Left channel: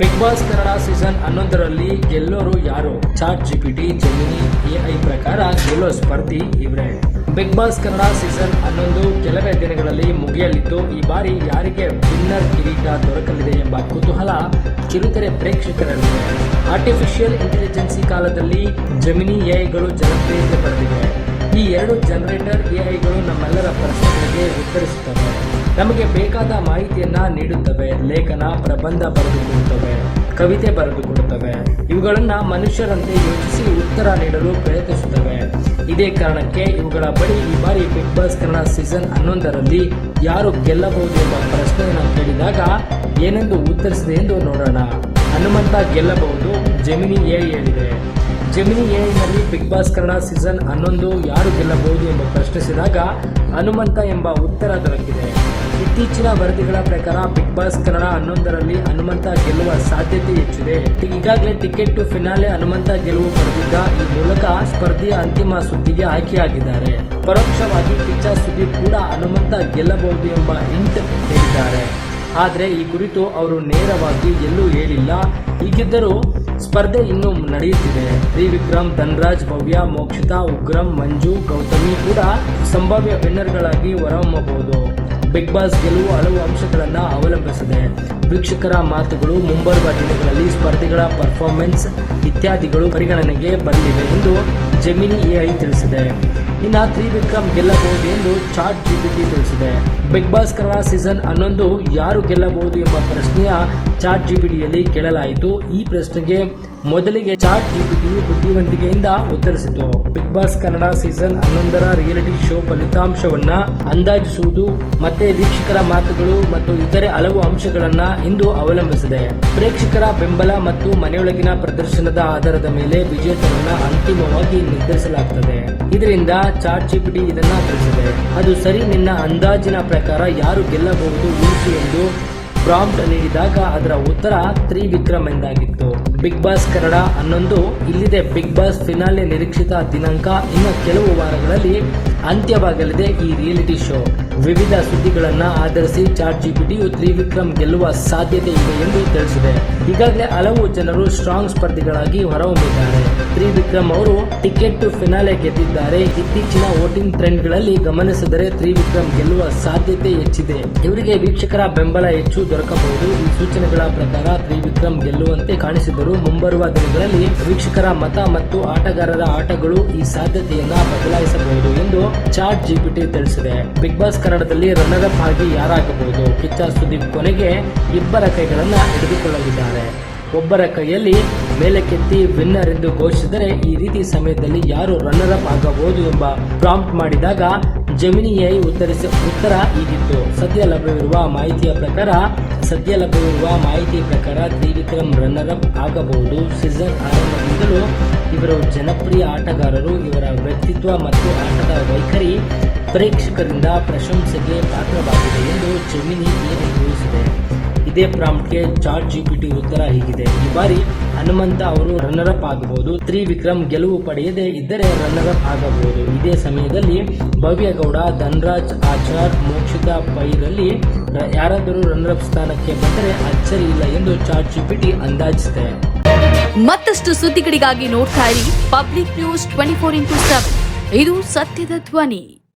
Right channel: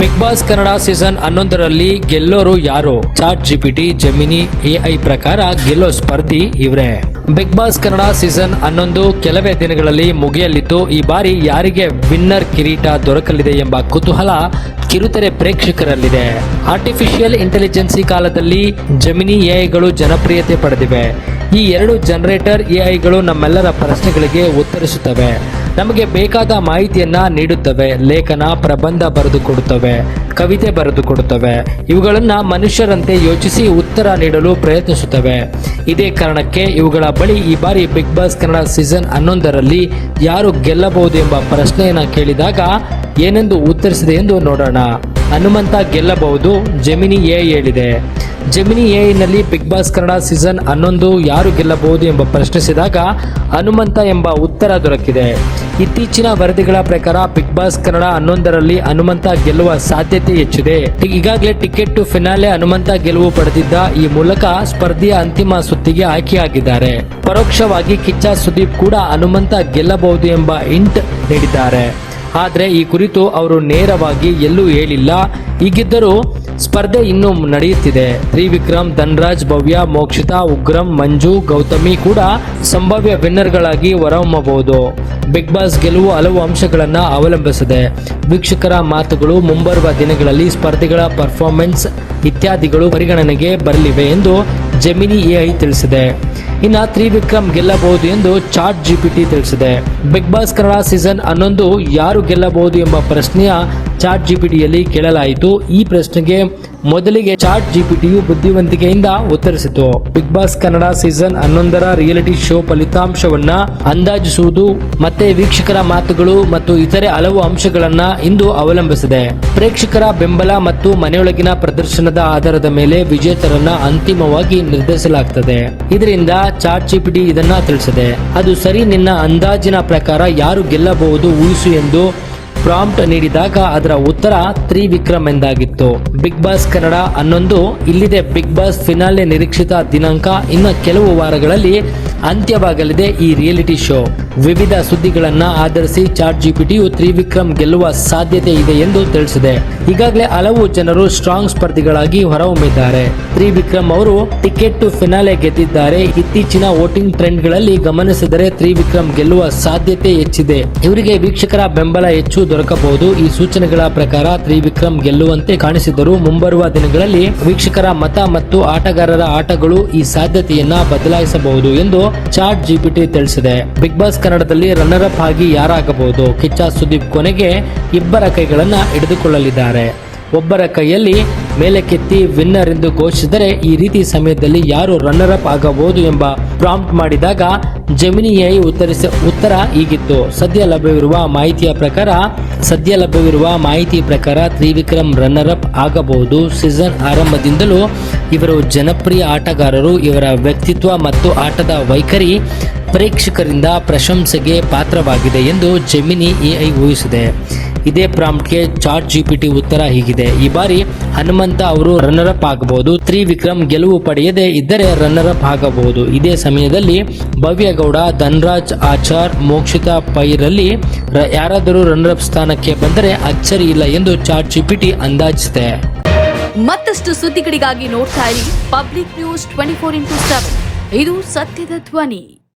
Big Boss Kannada season ಹನ್ನೊಂದರಲ್ಲಿ ಗೆಲ್ಲೋರು ಯಾರು? Chat GPT gemini AI ಪ್ರಕಾರ ಗೆಲ್ಲೋ ಸ್ಪರ್ಧಿ ಇವರೇ. ಬಿಗ್ ಬಾಸ್ ಕನ್ನಡ ಸೀಸನ್ ಹನ್ನೊಂದು ಕೆಲವೇ ದಿನಗಳಲ್ಲಿ ಮುಗಿಯಲಿದ್ದು, ಈ ಬಾರಿ ಯಾರಿಗೆ ವಿನ್ನರ್ ಕಿರೀಟ ದೊರಕಲಿದೆ ಎಂಬ ಕುತೂಹಲ ಕಿರುತೆರೆ ಪ್ರೇಕ್ಷಕರಲ್ಲಿದೆ. ಆರ್ಟಿಫಿಷಿಯಲ್ ಇಂಟೆಲಿಜೆನ್ಸಿ ಕಾಲದಲ್ಲಿ ಜಮಿನಿ ಎಐಗಳು ಜನಪ್ರಿಯತೆ ಪಡೆದಿವೆ. ಈ ಎರಡು ಜನರೇಟರ್ ಎಐಗಳು ನಮ್ಮೆಲ್ಲರ ಪ್ರಶ್ನೆಗಳಿಗೆ ಉತ್ತರಿಸುತ್ತವೆ. ನಮಗೆ ಬೇಕಾದ ಮಾಹಿತಿಯನ್ನ ನೀಡುತ್ತವೆ, ಲೇಖನ, ಪ್ರಬಂಧ ಬರೆದುಕೊಡುತ್ತವೆ ಕವಿತೆ ಬರೆದುಕೊಡುತ್ತವೆ ಇವುಗಳನ್ನ ಮನುಷ್ಯರಂತೆ ಯೋಚಿಸಿ ಉತ್ತರ ನೀಡಲು ಪ್ರಯತ್ನಿಸುತ್ತವೆ. ಇದೇ ಕಾರಣಕ್ಕೆ ಇವುಗಳ ಬಳಿ ಈ ಬಾರಿ ಬಿಗ್ ಬಾಸ್ ಕನ್ನಡ ಸೀಸನ್ ಹನ್ನೊಂದರಲ್ಲಿ ಯಾರು ಗೆಲ್ಲಬಹುದು ಎಂಬ ಪ್ರಶ್ನೆಯನ್ನು ಕೇಳಿದಾಗ ಏನೆಂದು ಉತ್ತರಿಸಿದೆ ಎಂದು ನೋಡೋಣ. ಹನುಮಂತ ಗೆಲ್ಲಬಹುದು, ಜಮಿನಿ ಎ ಹೇಳಿದೆ. ಜೆಮಿನಿ ಎಐನಲ್ಲಿ ಬಿಗ್ ಬಾಸ್ ಕನ್ನಡ ಸೀಸನ್ ಹನ್ನೊಂದು ಯಾರು ಗೆಲ್ಲಬಹುದು ಎಂಬ ಪ್ರಶ್ನಿಸಿದಾಗ ಹನುಮಂತ ಎಂಬ ಉತ್ತರ ದೊರಕಿದೆ. ಇತ್ತೀಚಿನ ವರದಿಗಳ ಪ್ರಕಾರ ಬಿಗ್ ಬಾಸ್ ಕನ್ನಡ ಹನ್ನೊಂದರಲ್ಲಿ ಹನುಮಂತ ಗೆಲ್ಲುವ ಸಾಧ್ಯತೆ ಹೆಚ್ಚಿದೆ. ಈಗಾಗಲೇ ಟಿಕೆಟ್ ಟು ಫಿನಾಲೆ ಹನುಮಂತ ಗೆಲುವು ಪಡೆದಿದ್ದ ಈ ಮೂಲಕ ಸ್ಪರ್ಧೆಯ ಅಂತಿಮ ಸುತ್ತಿಗೆ ಆಯ್ಕೆಯಾಗಿದ್ದಾರೆ. ಪರೋಕ್ಷವಾಗಿ ಕಿಚ್ಚ ಸುದೀಪ್ ಕೂಡ ಹನುಮಂತ ಗೆಲ್ಲಬಹುದು ಎಂಬ ಇಂಟ್ ನೀಡಿದ್ದಾರೆ. ಆದರೆ ಈ ಕುರಿತು ಅವರು ನೇರವಾಗಿ ಎಲ್ಲೂ ಹೇಳಿಲ್ಲ. ಹೀಗಿದ್ದರೂ ಸ್ಪರ್ಧೆ ಇನ್ನೂ ನಡೆಯುತ್ತಿದೆ. ತ್ರಿವಿಕ್ರಮ್, ಧನ್ರಾಜ್, ಭವ್ಯ, ಮೋಕ್ಷಿತಾ, ಉಗ್ರಂ, ಮಂಜು, ಗೌತಮಿ ಕೂಡ ಸಂಭಾವ್ಯ ವಿನ್ನರ್ಗಳಾಗಿ ಹೊರಹೊಮ್ಮಬಹುದು. ಬಿಗ್ ಬಾಸ್ ಗೆಲುವು ಹಲವು ಅಂಶಗಳನ್ನು ಅವಲಂಬಿಸಿದೆ. ವೀಕ್ಷಕರ ಮಾತುಗಳು ಮುಂಬರುವ ದಿನಗಳಲ್ಲಿ ಸ್ಪರ್ಧೆಗಳ ಪರ್ಫಾರ್ಮೆನ್ಸ್ ಇತ್ಯಾದಿಗಳು ಪರಿಗಣನೆಗೆ ಬರಲಿವೆ ಎಂದು ಜೆಮಿನಿ ಎಐ ತಿಳಿಸಿದೆ. ಇನ್ನು ತ್ರಿವಿಕ್ರಮ್ ಗೆಲ್ಲಬಹುದು ಎಂದು ಚಾಟ್ ಜಿಪಿಟಿ ತಿಳಿಸಿದೆ. ಬಿಗ್ ಬಾಸ್ ಕನ್ನಡ ಸೀಸನ್ ಹನ್ನೊಂದು ಯಾರು ಗೆಲ್ಲಬಹುದು ಎಂಬ ಪ್ರಶ್ನೆಯ ಚಾಟ್ ಜಿಪಿಟಿಯಲ್ಲಿ ಕೇಳಲಾಯಿತು. ಈ ಪ್ರಶ್ನೆಗೆ ಮೊದಲಿಗೆ ಚಾಟ್ ಜಿಪಿಟಿಯು ಬುದ್ಧಿವಂತಿಕೆಯಿಂದ ಉತ್ತರಿಸಿತು. ಬಿಗ್ ಬಾಸ್ ಕನ್ನಡ ಸೀಸನ್ ಹನ್ನೊಂದರ ರಿಯಾಲಿಟಿ ಶೋ ಫಲಿತಾಂಶವನ್ನ ಅಂದಾಜಿಸುವುದು, ಮತ್ತೆ ವೀಕ್ಷಕರ ಮಾತುಗಳು ಮತ್ತು ಇತರೆ ಹಲವು ಅಂಶಗಳನ್ನ ಇಂದು ಅವಲಂಬಿಸಿದೆ. ಪ್ರೇಕ್ಷಕರ ಬೆಂಬಲ ಮತ್ತು ಮನೆಯೊಳಗಿನ ಪ್ರದರ್ಶನದ ಆಧಾರದ ಮೇಲೆ ವಿಜೇತರನ್ನ ಅಂತಿಮವಾಗಿ ನಿರ್ಧರಿಸಲಾಗುತ್ತದೆ ಇದರಿಂದ ಚಾಟ್ ಜಿಪಿಟಿ ಇದನ್ನ ತಿಳಿಸಿದೆ. ಅದು ಸರಿ ನಿನ್ನ ಅಂದಾಜಿನ ಪ್ರಕಾರ ಯಾರು ಗೆಲ್ಲಬಹುದು, ಊಹಿಸು ಎಂದು ಪ್ರಾಂಪ್ಟ್ ನೀಡಿದಾಗ ಅದರ ಉತ್ತರ ತ್ರಿವಿಕ್ರಮ್ ಎಂದಾಗಿತ್ತು. ಬಿಗ್ ಬಾಸ್ ಕನ್ನಡ ಹನ್ನೊಂದು, ಇಲ್ಲಿದೆ ಬಿಗ್ ಬಾಸ್ ಫಿನಾಲೆ ನಿರೀಕ್ಷಿತ ದಿನಾಂಕ. ಇನ್ನು ಕೆಲವು ವಾರಗಳಲ್ಲಿ ಅಂತ್ಯವಾಗಲಿದೆ ಈ ರಿಯಾಲಿಟಿ ಶೋ. ವಿವಿಧ ಸುದ್ದಿಗಳನ್ನ ಆಧರಿಸಿ ಚಾಟ್ ಜಿಪಿಟಿಯು ತ್ರಿವಿಕ್ರಮ್ ಗೆಲ್ಲುವ ಸಾಧ್ಯತೆ ಇದೆ ಎಂದು ತಿಳಿಸಿದೆ. ಈಗಾಗಲೇ ಹಲವು ಜನರು ಸ್ಟ್ರಾಂಗ್ ಸ್ಪರ್ಧಿಗಳಾಗಿ ಹೊರಹೊಮ್ಮಿದ್ದಾರೆ. ತ್ರಿವಿಕ್ರಮ್ ಅವರು ಟಿಕೆಟ್ ಟು ಫಿನಾಲೆ ಗೆದ್ದಿದ್ದಾರೆ. ಇತ್ತೀಚಿನ ವೋಟಿಂಗ್ ಟ್ರೆಂಡ್ಗಳಲ್ಲಿ ಗಮನಿಸಿದರೆ ತ್ರಿವಿಕ್ರಮ್ ಗೆಲ್ಲುವ ಸಾಧ್ಯತೆ ಹೆಚ್ಚಿದೆ. ಇವರಿಗೆ ವೀಕ್ಷಕರ ಬೆಂಬಲ ಹೆಚ್ಚು ದೊರಕಬಹುದು. ಈ ಸೂಚನೆಗಳ ಪ್ರಕಾರ ತ್ರಿವಿಕ್ರಮ್ ಗೆಲ್ಲುವಂತೆ ಕಾಣಿಸಿದ್ದರು ಮುಂಬರುವ ದಿನಗಳಲ್ಲಿ ವೀಕ್ಷಕರ ಮತ ಮತ್ತು ಆಟಗಾರರ ಆಟಗಳು ಈ ಸಾಧ್ಯತೆಯನ್ನ ಬದಲಾಯಿಸಬಹುದು ಎಂದು ಚಾಟ್ ಜಿಪಿಟಿ ತಿಳಿಸಿದೆ. ಬಿಗ್ ಬಾಸ್ ಕನ್ನಡದಲ್ಲಿ ರನ್ನರ್ ಅಪ್ ಆಗಿ ಯಾರಾಗಬಹುದು? ಕಿಚ್ಚ ಸುದೀಪ್ ಕೊನೆಗೆ ಇಬ್ಬರ ಕೈಗಳನ್ನ ಹಿಡಿದುಕೊಳ್ಳಲಿದ್ದಾರೆ. ಒಬ್ಬರ ಕೈಯಲ್ಲಿ ಮೇಲಕ್ಕೆತ್ತಿ ವಿನ್ನರ್ ಎಂದು ಘೋಷಿಸಿದರೆ ಈ ರೀತಿ ಸಮಯದಲ್ಲಿ ಯಾರು ರನ್ನರ್ ಅಪ್ ಆಗಬಹುದು ಎಂಬ ಪ್ರಾಂಪ್ಟ್ ಮಾಡಿದಾಗ ಜೆಮಿನಿ ಐ ಉತ್ತರಿಸ ಉತ್ತರ ಹೀಗಿತ್ತು. ಸದ್ಯ ಲಭ್ಯವಿರುವ ಮಾಹಿತಿಯ ಪ್ರಕಾರ, ಸದ್ಯ ಲಭ್ಯವಿರುವ ಮಾಹಿತಿ ಪ್ರಕಾರ ತ್ರಿವಿಕ್ರಮ್ ರನ್ನರ್ ಅಪ್ ಆಗಬಹುದು. ಸೀಸನ್ ಆರಂಭದಿಂದಲೂ ಇವರು ಜನಪ್ರಿಯ ಆಟಗಾರರು. ಇವರ ವ್ಯಕ್ತಿತ್ವ ಮತ್ತು ಆಟದ ವೈಖರಿ ಪ್ರೇಕ್ಷಕರಿಂದ ಪ್ರಶಂಸೆಗೆ ಪಾತ್ರವಾಗಿದೆ ಎಂದು ಜೆಮಿನಿ ಎಐ ಊಹಿಸಿದೆ. ಇದೇ ಪ್ರಾಂಪ್ಟ್ಗೆ ಚಾಟ್ ಜಿಪಿಟಿ ಉತ್ತರ ಹೀಗಿದೆ. ಈ ಬಾರಿ ಹನುಮಂತ ಅವರು ರನ್ನರ್ ಅಪ್ ಆಗಬಹುದು. ತ್ರಿವಿಕ್ರಮ್ ಗೆಲುವು ಪಡೆಯದೇ ಇದ್ದರೆ ರನ್ನರ್ ಅಪ್ ಆಗಬಹುದು. ಇದೇ ಸಮಯದಲ್ಲಿ ಭವ್ಯಗೌಡ, ಧನ್ರಾಜ್, ಆಚಾರ್, ಮೋಕ್ಷಿತಾ ಪೈರಲ್ಲಿ ಯಾರಾದರೂ ರನ್ನರ್ ಅಪ್ ಸ್ಥಾನಕ್ಕೆ ಬಂದರೆ ಅಚ್ಚರಿ ಇಲ್ಲ ಎಂದು ಚಾಟ್ ಜಿಪಿಟಿ ಅಂದಾಜಿಸಿದೆ. ಮತ್ತಷ್ಟು ಸುದ್ದಿಗಳಿಗಾಗಿ ನೋಡ್ತಾ ಇರಿ public news twenty four into seven. ಇದು ಸತ್ಯದ ಧ್ವನಿ.